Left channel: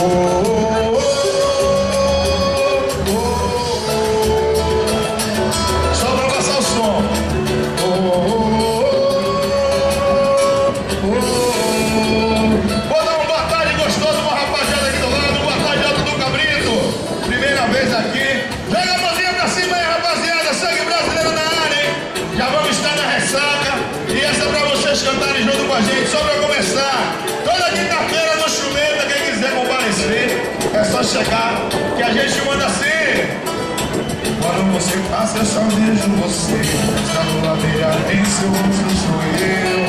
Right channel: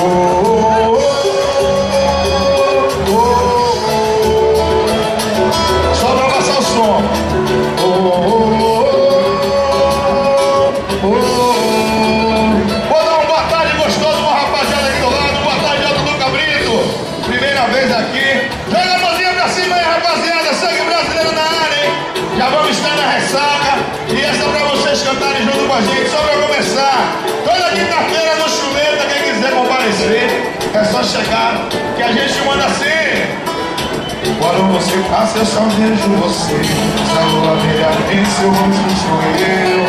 Só pra passar o som. Vou dar uma boa tarde gostosa pra uma rapaziada aqui do lado. Boa tarde, Alto do Cabrito. Primeira vez aqui. Joga a mãozinha pra cima aí, rapaziada. Sangue brasileiro na área, hein? Já vamos estar na ressaca. E essa é pra vocês cantarem junto com a gente. Só pra começar. Toda quinta-feira no Chumeta, quem quiser comparecer, é só chegar que a gente manda assim. Quando você passa, eu só vejo você. Essa lua brilha em seu rosto, sou eu.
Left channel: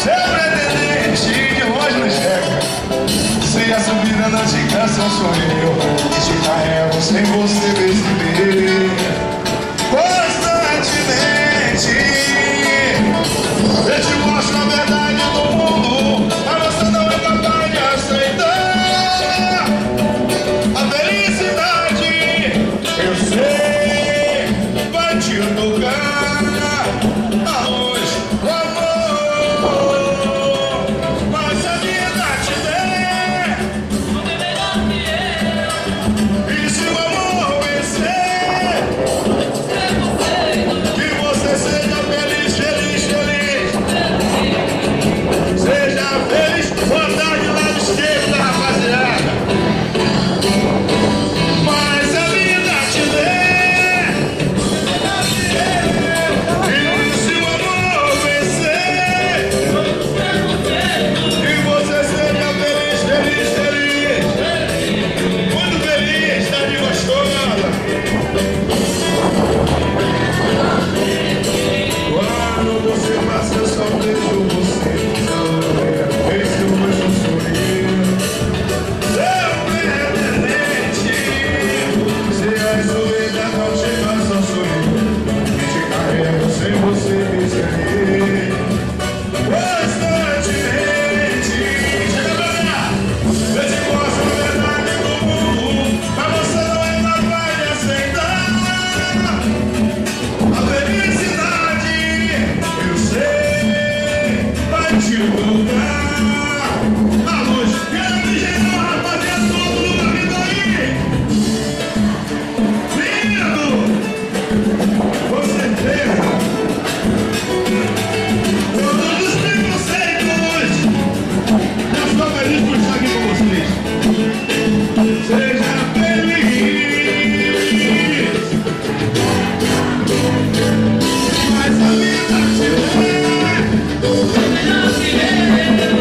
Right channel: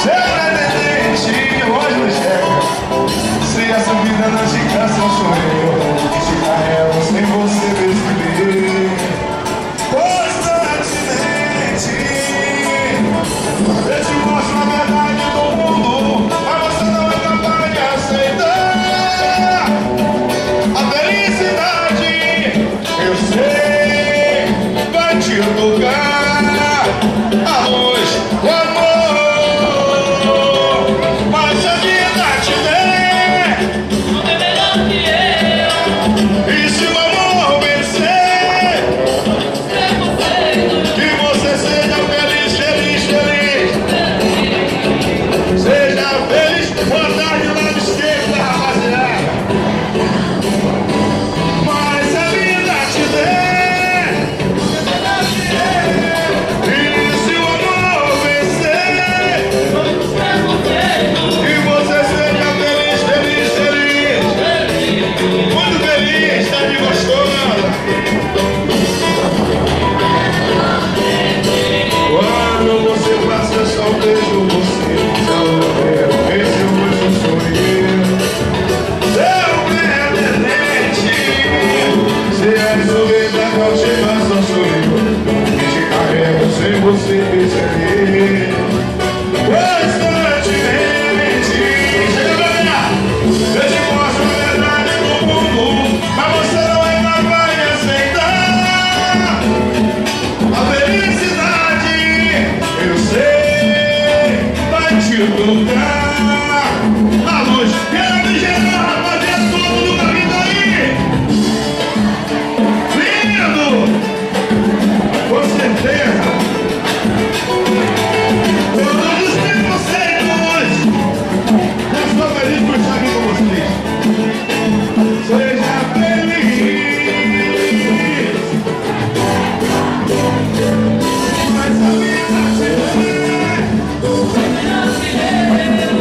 Seu pretendente de longe não chega. Se a subida não te cansa, sou eu. Que te carrego sem você perceber. Constantemente eu te mostro a verdade do mundo, mas você não é capaz de aceitar a felicidade. Eu sei, vai te tocar a luz, o amor, mas a vida te der. Tudo é melhor que eu. E se o amor vencer, que você seja feliz, feliz, feliz. Seja feliz. Boa tarde, lado esquerdo da rapaziada. Mas a vida te der. E se o amor vencer, que você seja feliz, feliz, feliz. Muito feliz, tá de gostosa. Quando você passa, eu só vejo você. Esse rosto sou eu. Seu pretendente. Se a soledade não te passa, sou eu. Que te carrego sem você perceber. Constantemente. Chega pra cá. Eu te mostro a verdade do mundo, mas você não é capaz de aceitar a felicidade. Eu sei, vai te tocar a luz. Quero me gerar, rapaziada, todo mundo da vida aí. Lindo! Com certeza. Todos os preconceitos. Eu estou feliz por estar aqui com vocês. Seja feliz. Mas a vida te der. Tudo é melhor que eu.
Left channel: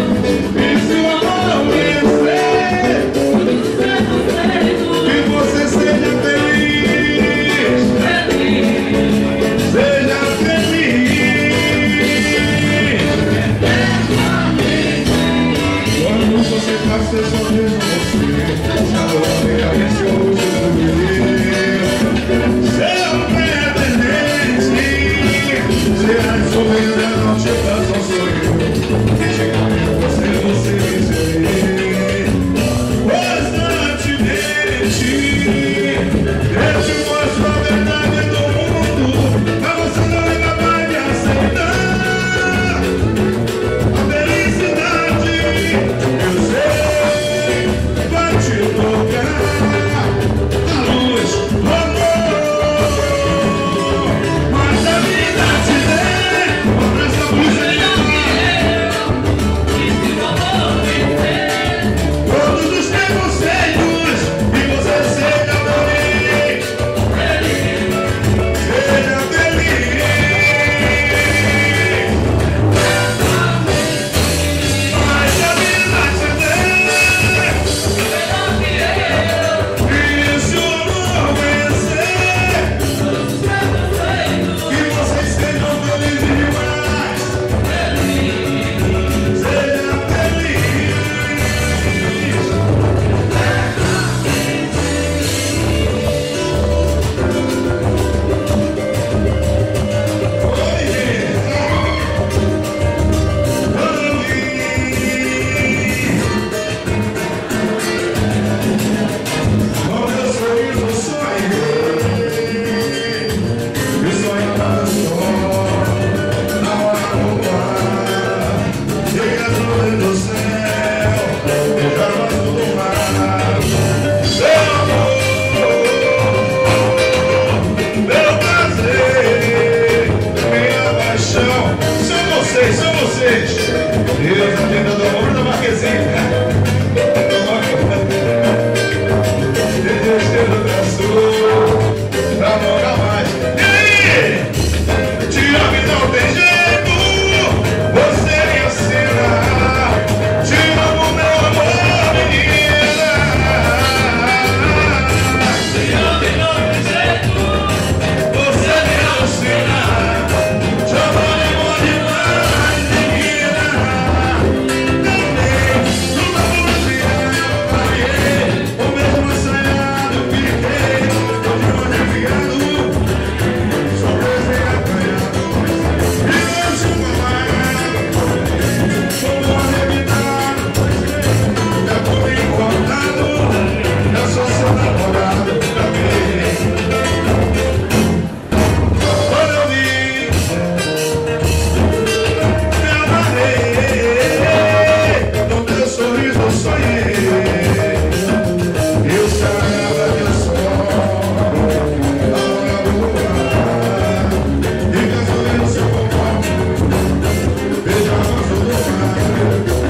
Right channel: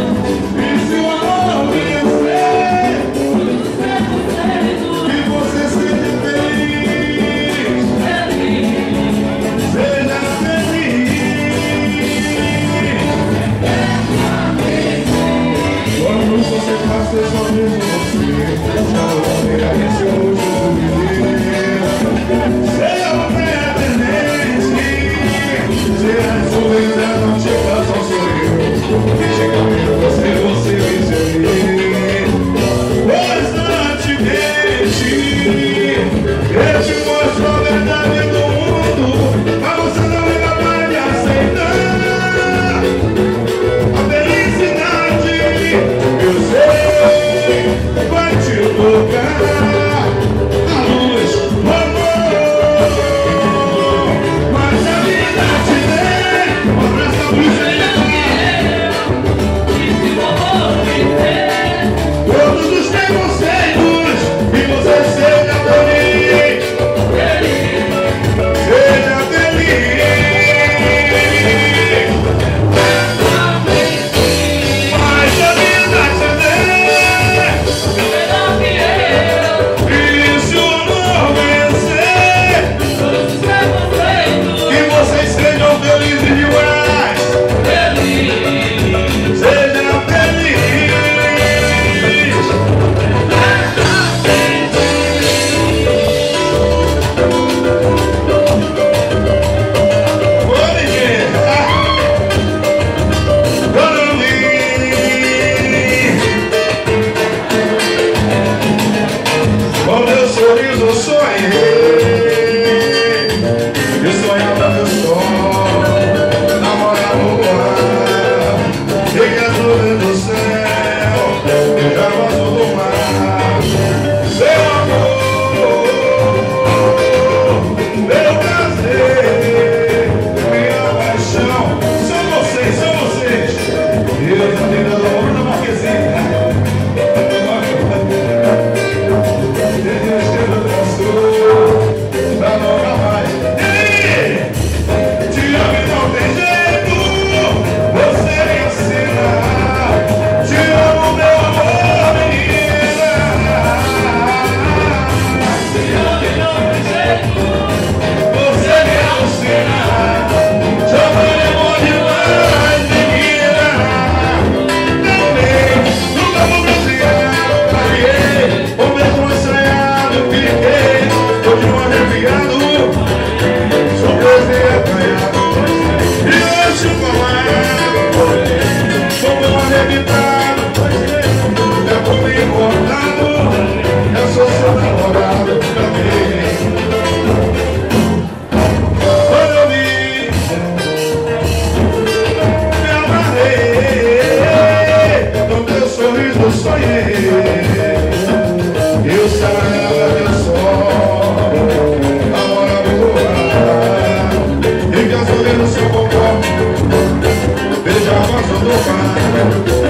E se o amor vencer, que você seja feliz. Seja feliz. Quando você passa, eu só vejo você. Já não sei esse rosto do menino. Seu pretendente. Se a soledade não te passa, sou eu. Que chega mesmo você vencer. Constantemente eu te mostro a verdade do mundo, mas você não é capaz de aceitar a felicidade. Eu sei, no teu sorriso sonhei. Eu saia teu sol, amor na rua, e gasolina no seu popó, beijava o mar.